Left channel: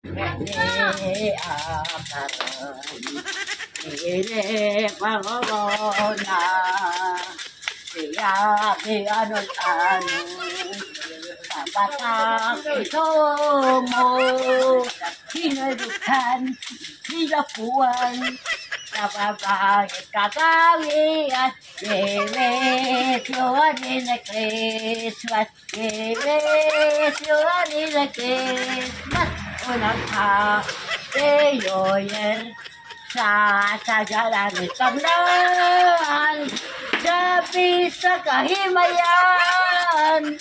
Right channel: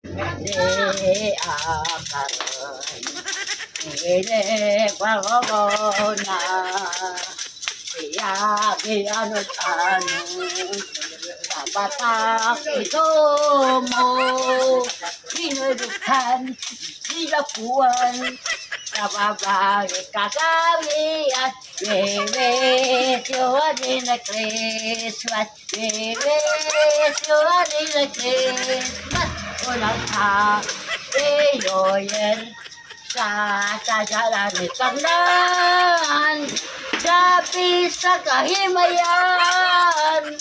Di akaran, ini pagkakona, siya gianong-anong, kabatak ito mo, sinudukan, silapuan, kababae kakawian, Bebesyoan in the Christmas, Bebesyoan in the Christmas, unang hapeyoyer, sa tagalan ni Kagnan, gabi sa kahimayan,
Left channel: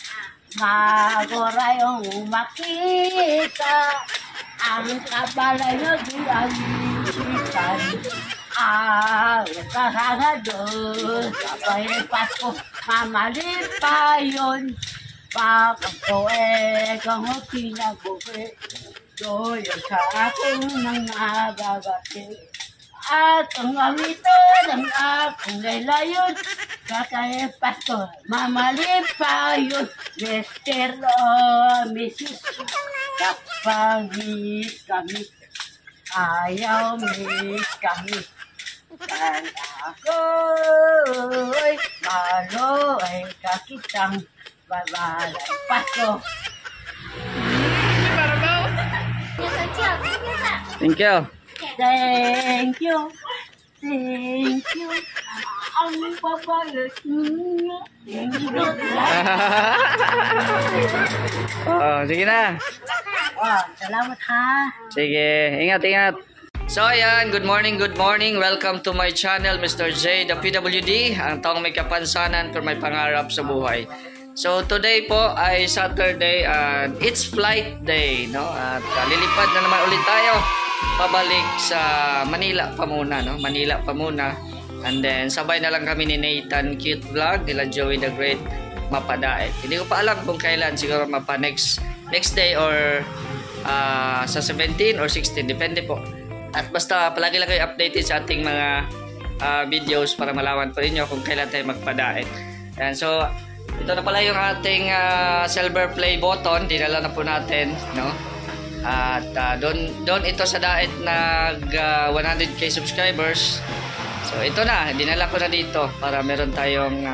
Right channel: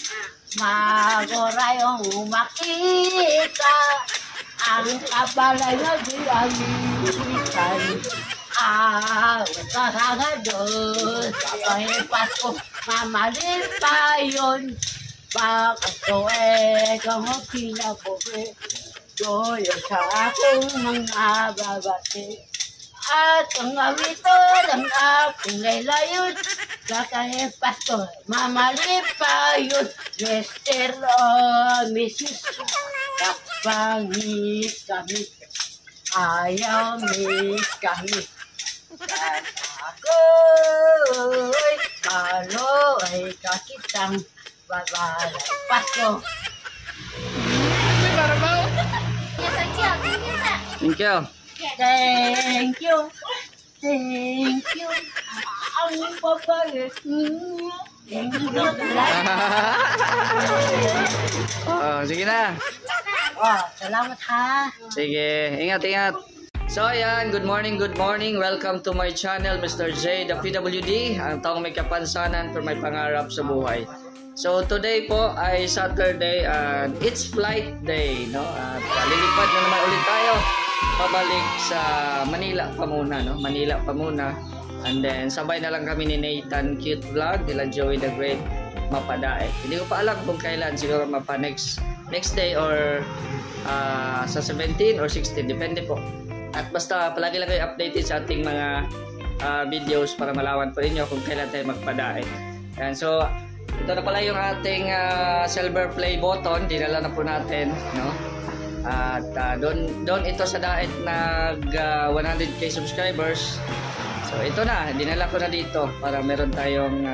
magorayong makita, ang kabalay na biyahitan. Kasangado sa Pasko, mamalit pa yun. Bakit ko kung kinabuhi, doyo sa aking mga babaki. At ang amito ng aking laylayon, kakay Pasko, mamalit pa yun. Mr. Mrs. Kapangit kami, ayaw miss kami. Dan ako'y malo ay kakitang babalay Pasko. Thank you. Thank you. Thank you. Ang papalit niyo. Oh, sige na. Oh, salamat ha. Sige, ingat, ingat. So ayan, good morning. Welcome to my channel, Mr. J, the PWD, ang taong may kapansanan pero may pangarap sa buhay. So today po ay Saturday and it's flight day, no? At lilipad na naman ulit tayo pabalik sa Manila pa muna, no? Manila pa muna. And then sabay na lang kami ni Nathan Cute Vlog, nila Joey the Great mapadaet. Hindi ko pa alam kung kailan, siguro mapa next day or sa 17 or 16, depende po. At basta palagi lang kayo updated sa ating mga videos para malaman po ninyo kung kailan tayo magpadaet. And so ito na pala yung ating silver play button, dinala na po natin, no? At doon ito sa daet nag 100k subscribers. So ito na, dinala ko na dito para meron tayong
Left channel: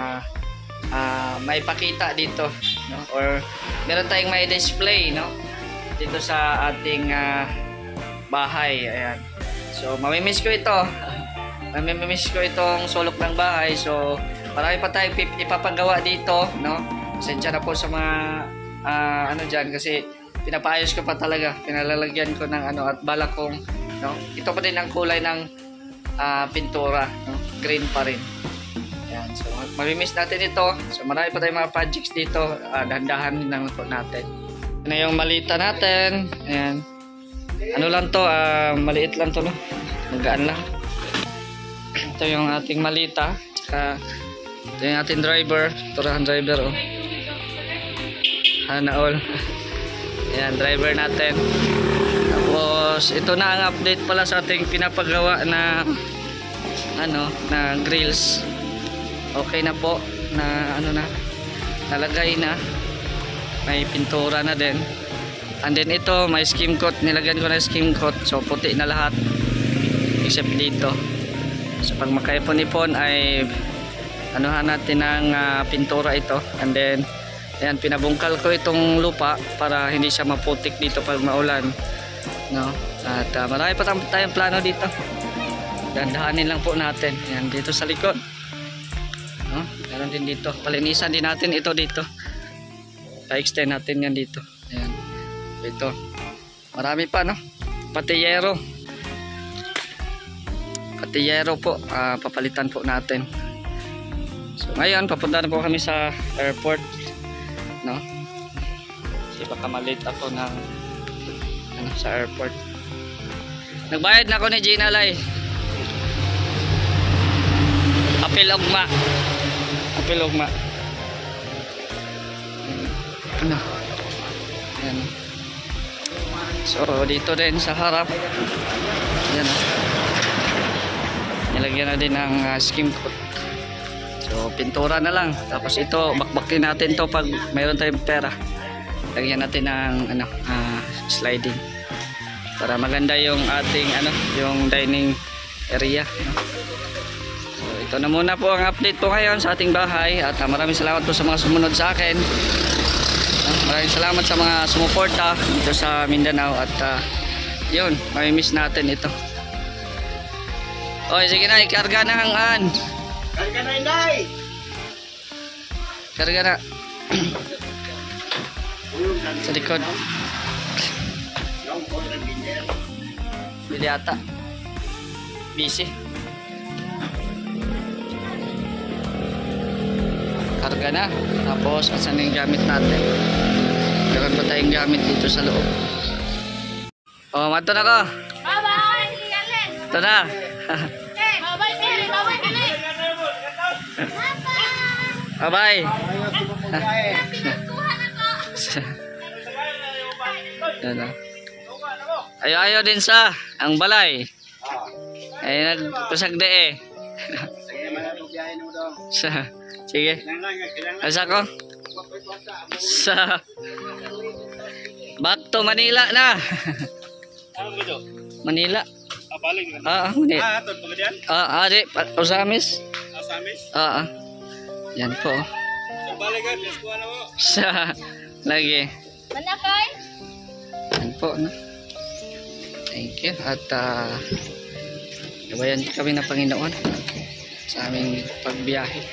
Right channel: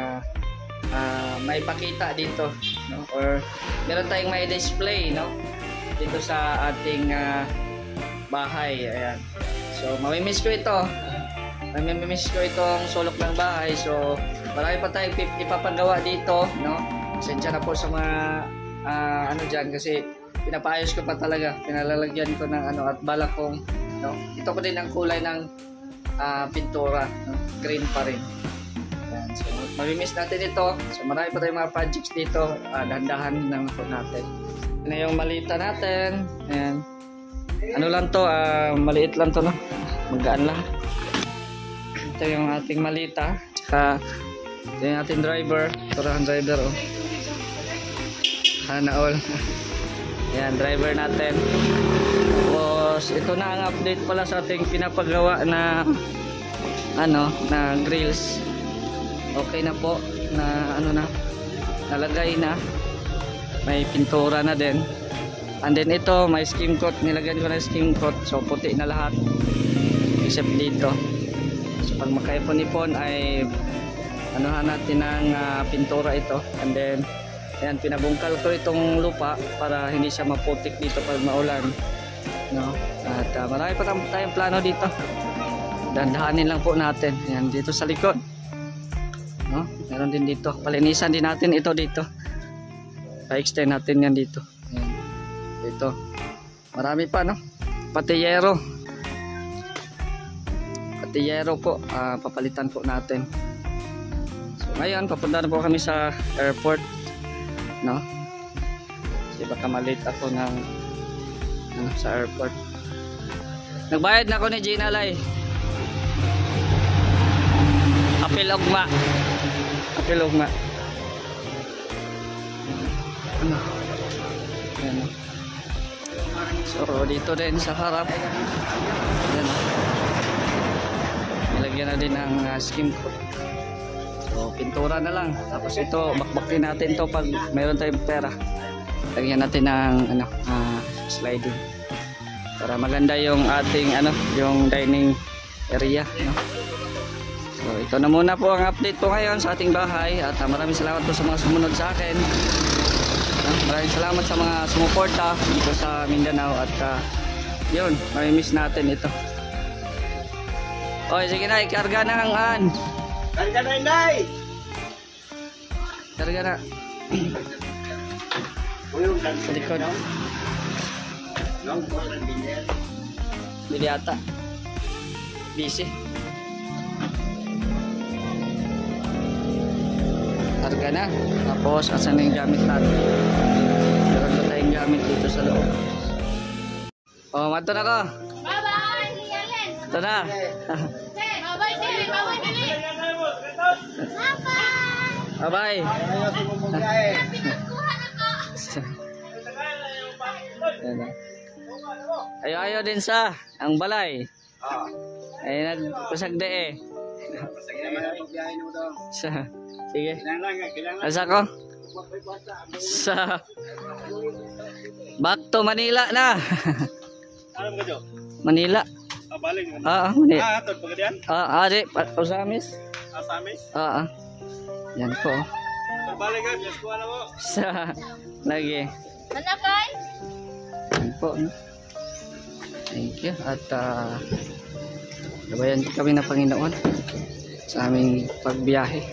may pakita dito, no? Or meron tayong may display, no? Dito sa ating bahay. Ayan. So mamimiss ko ito. Mamimiss ko itong sulok ng bahay. So marami pa tayong ipapagawa dito, no? Pasensya na po sa mga ano dyan kasi pinapaayos ko pa talaga. Pinalalagyan ko ng ano at balak kong, no? Ito pa din ang kulay ng pintura, no? Green pa rin. Ayan. So mamimiss natin ito. So marami pa tayong mga projects dito. Dahan-dahan lang po natin. Ito na yung malita natin. Ayan. Ano lang to, maliit lang to, no? Magaan lang. Ito yung ating malita. Saka ito yung ating driver. Turahan driver, oh. Hana all. Ayan, driver natin. Tapos ito na ang update pala sa ating pinapagawa na ano, na grills. Okay na po, na ano na, nalagay na. May pintura na din. And then ito, may skim coat. Nilagyan ko na skim coat. So puti na lahat. Except dito. So pag makaipon-ipon ay anuhan natin ng pintura ito. And then ayan, pinabungkal ko itong lupa para hindi siya maputik dito pag maulan, no? At marami pa tayong plano dito. Dandahanin lang po natin. Ayan, dito sa likod, no? Meron din dito. Palinisan din natin ito dito. Pa-extend natin yan dito. Ayan. Ito. Marami pa, no? Patiyero. Patiyero po. Papalitan po natin. So ngayon, papunta na po kami sa airport, no? Kasi baka malate ako ng ano, sa airport. Nagbayad na ako ni Gina Lai. Apil ugma. Apil ugma. Ano? Ayan, no? So dito din sa harap. Ayan, no? Nilagyan na din ng skim coat. So pintura na lang. Tapos ito bakbakin natin to pag mayroon tayong pera. Lagyan natin ng ano, sliding. para maganda yung ating yung dining area, no? So ito na muna po ang update po ngayon sa ating bahay at maraming salamat po sa mga sumunod sa akin. Maraming salamat sa mga sumuporta dito sa Mindanao at yun, may miss natin ito. Oy, sige na, ikarga na hangaan. Karga na, Inday! Karga na. Sa likod. Bili ata. Busy. Karga na. Tapos, asan yung gamit natin? Meron pa tayong gamit dito sa loob. Oh, mato na ko. Ito na. Bye-bye. Ayaw din sa ang balay. Ay nagpasagde eh. Sige. Asa ko? Sa back to Manila na. Manila. Balik mo. Manila. Atod pagadian? Di Osamis. Asamis? Yan po. Balikan, let's go na mo. Sa lagi. Manakay? Yan po, no? Thank you. At gabayan kami ng Panginoon sa aming pagbiyahe.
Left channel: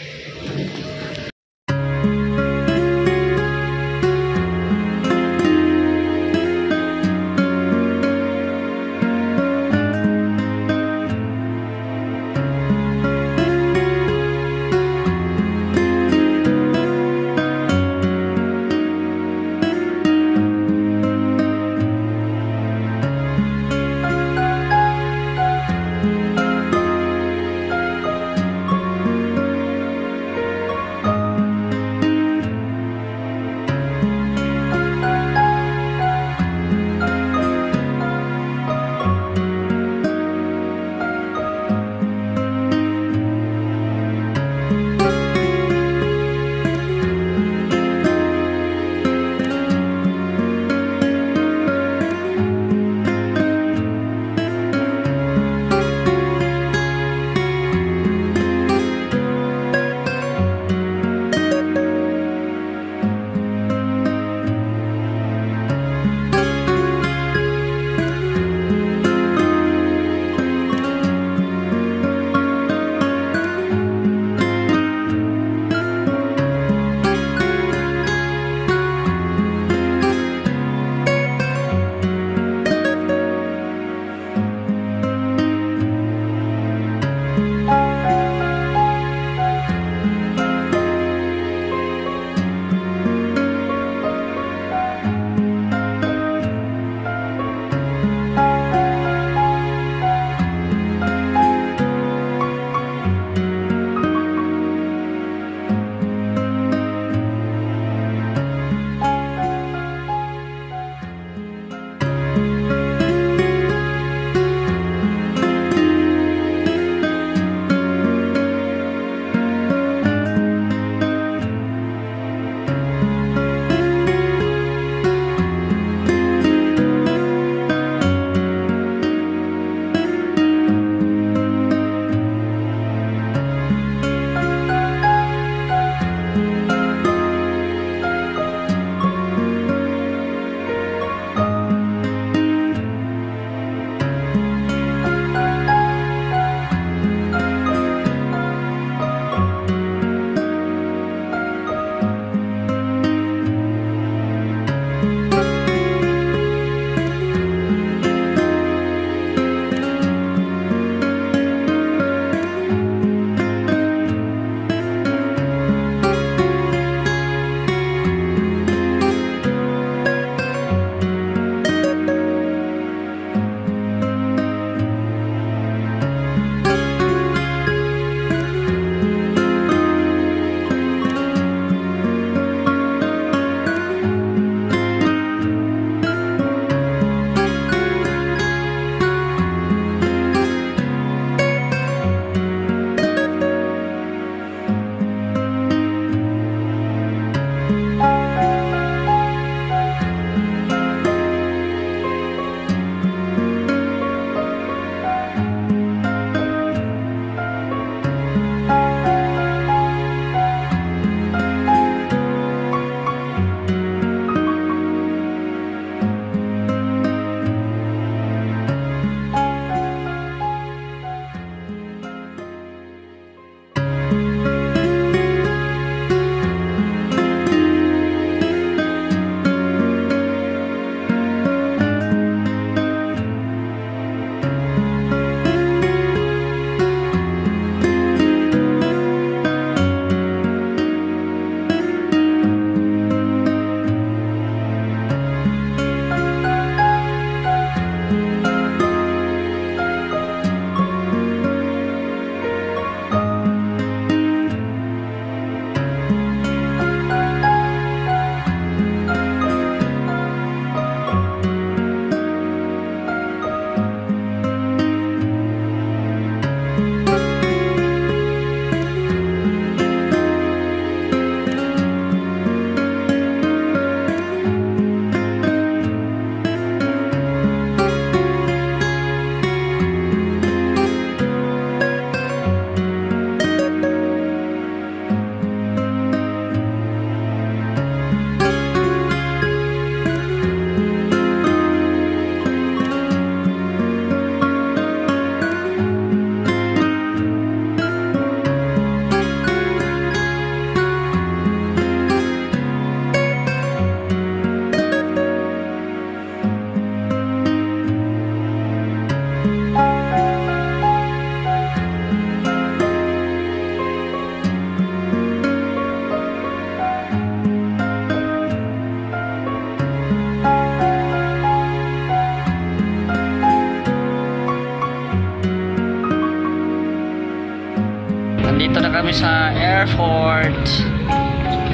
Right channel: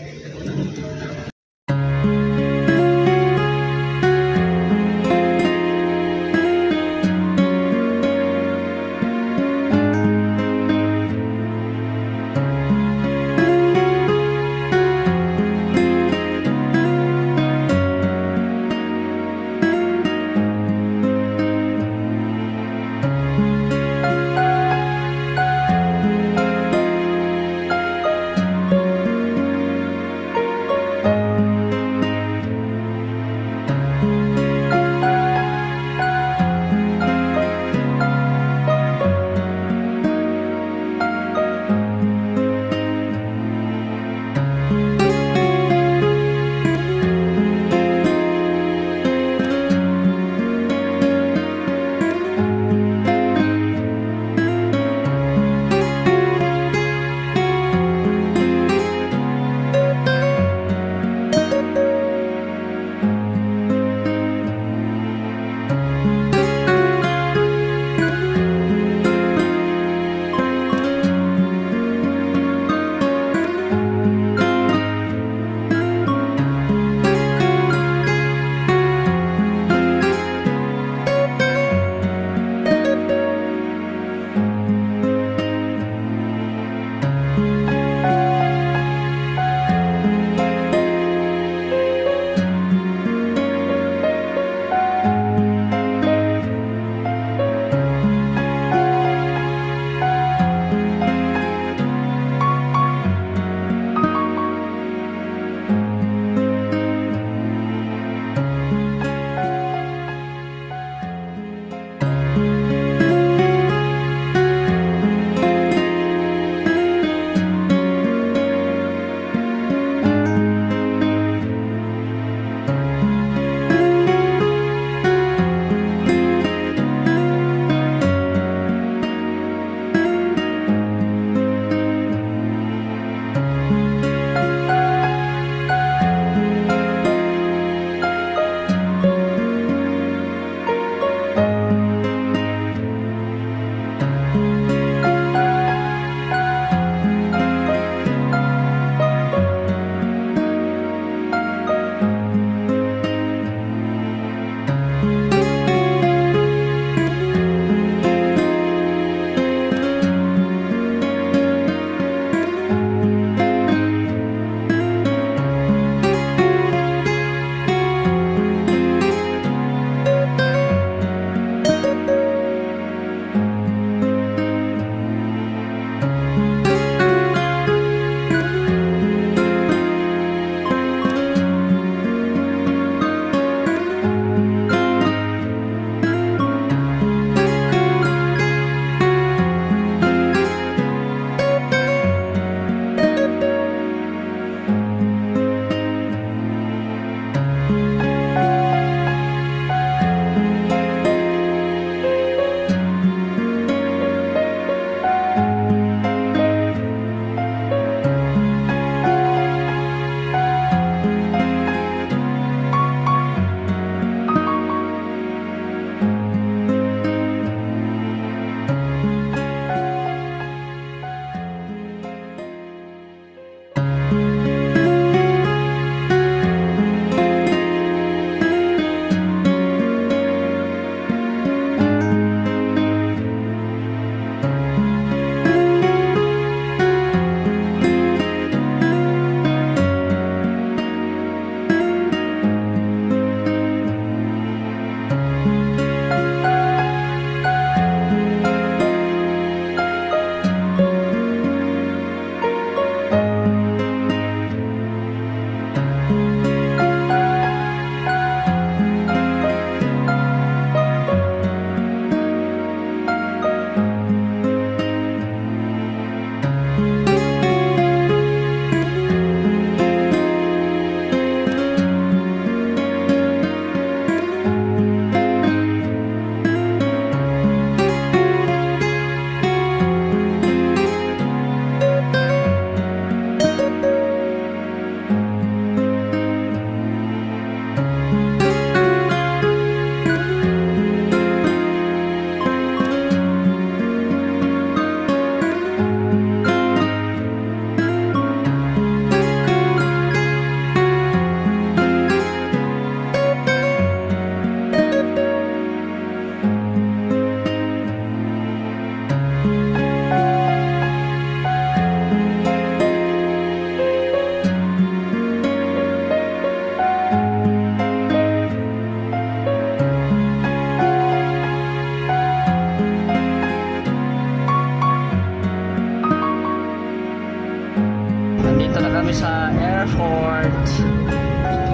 Dito na kami sa airport.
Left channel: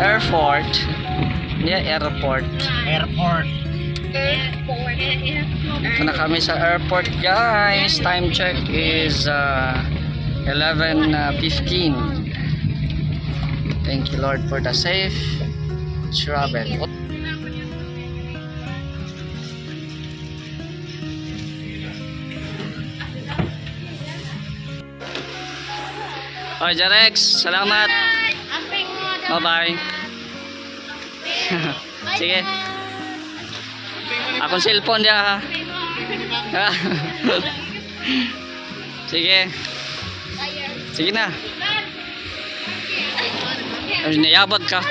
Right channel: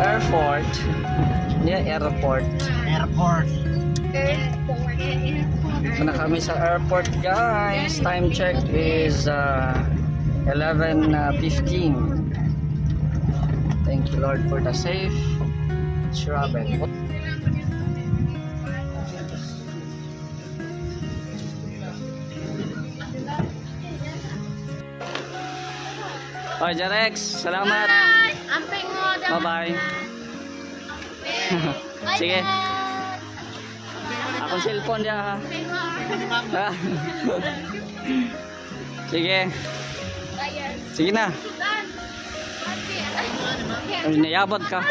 Airport. Dito na kami sa airport, guys. Time check is 11:15. Thank you, Lord, for the safe travel. Oh, Jarex, salamat. Bye-bye. Sige. Akong cellphone dia ha. Sige. Sige na. Nayabot ka.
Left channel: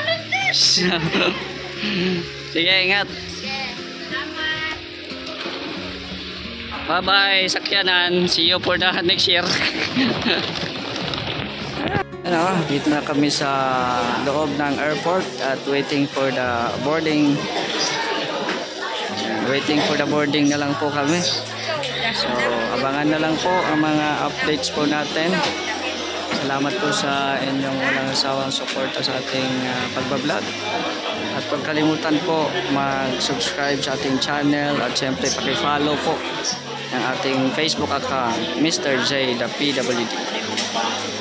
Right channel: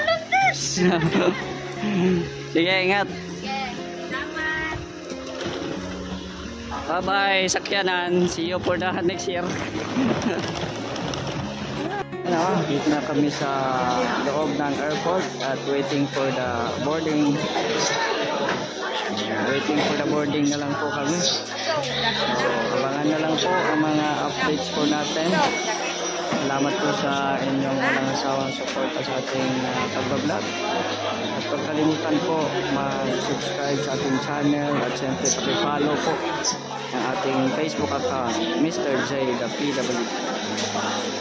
Sige, ingat. Bye-bye, sakyanan. See you for the next year. Ano, dito na kami sa loob ng airport at waiting for the boarding. Waiting for the boarding na lang po kami. So, abangan na lang po ang mga updates po natin. Salamat po sa inyong walang sawang suporta sa ating pagbablog. At huwag kalimutan po mag-subscribe sa ating channel at syempre paki-follow po ang ating Facebook account, Mr. J, the PWD.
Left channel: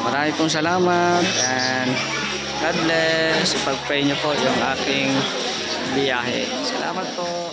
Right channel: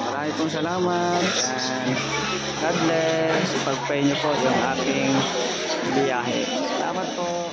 Marami pong salamat and God bless. Ipag-pray nyo po yung aking biyahe. Salamat po.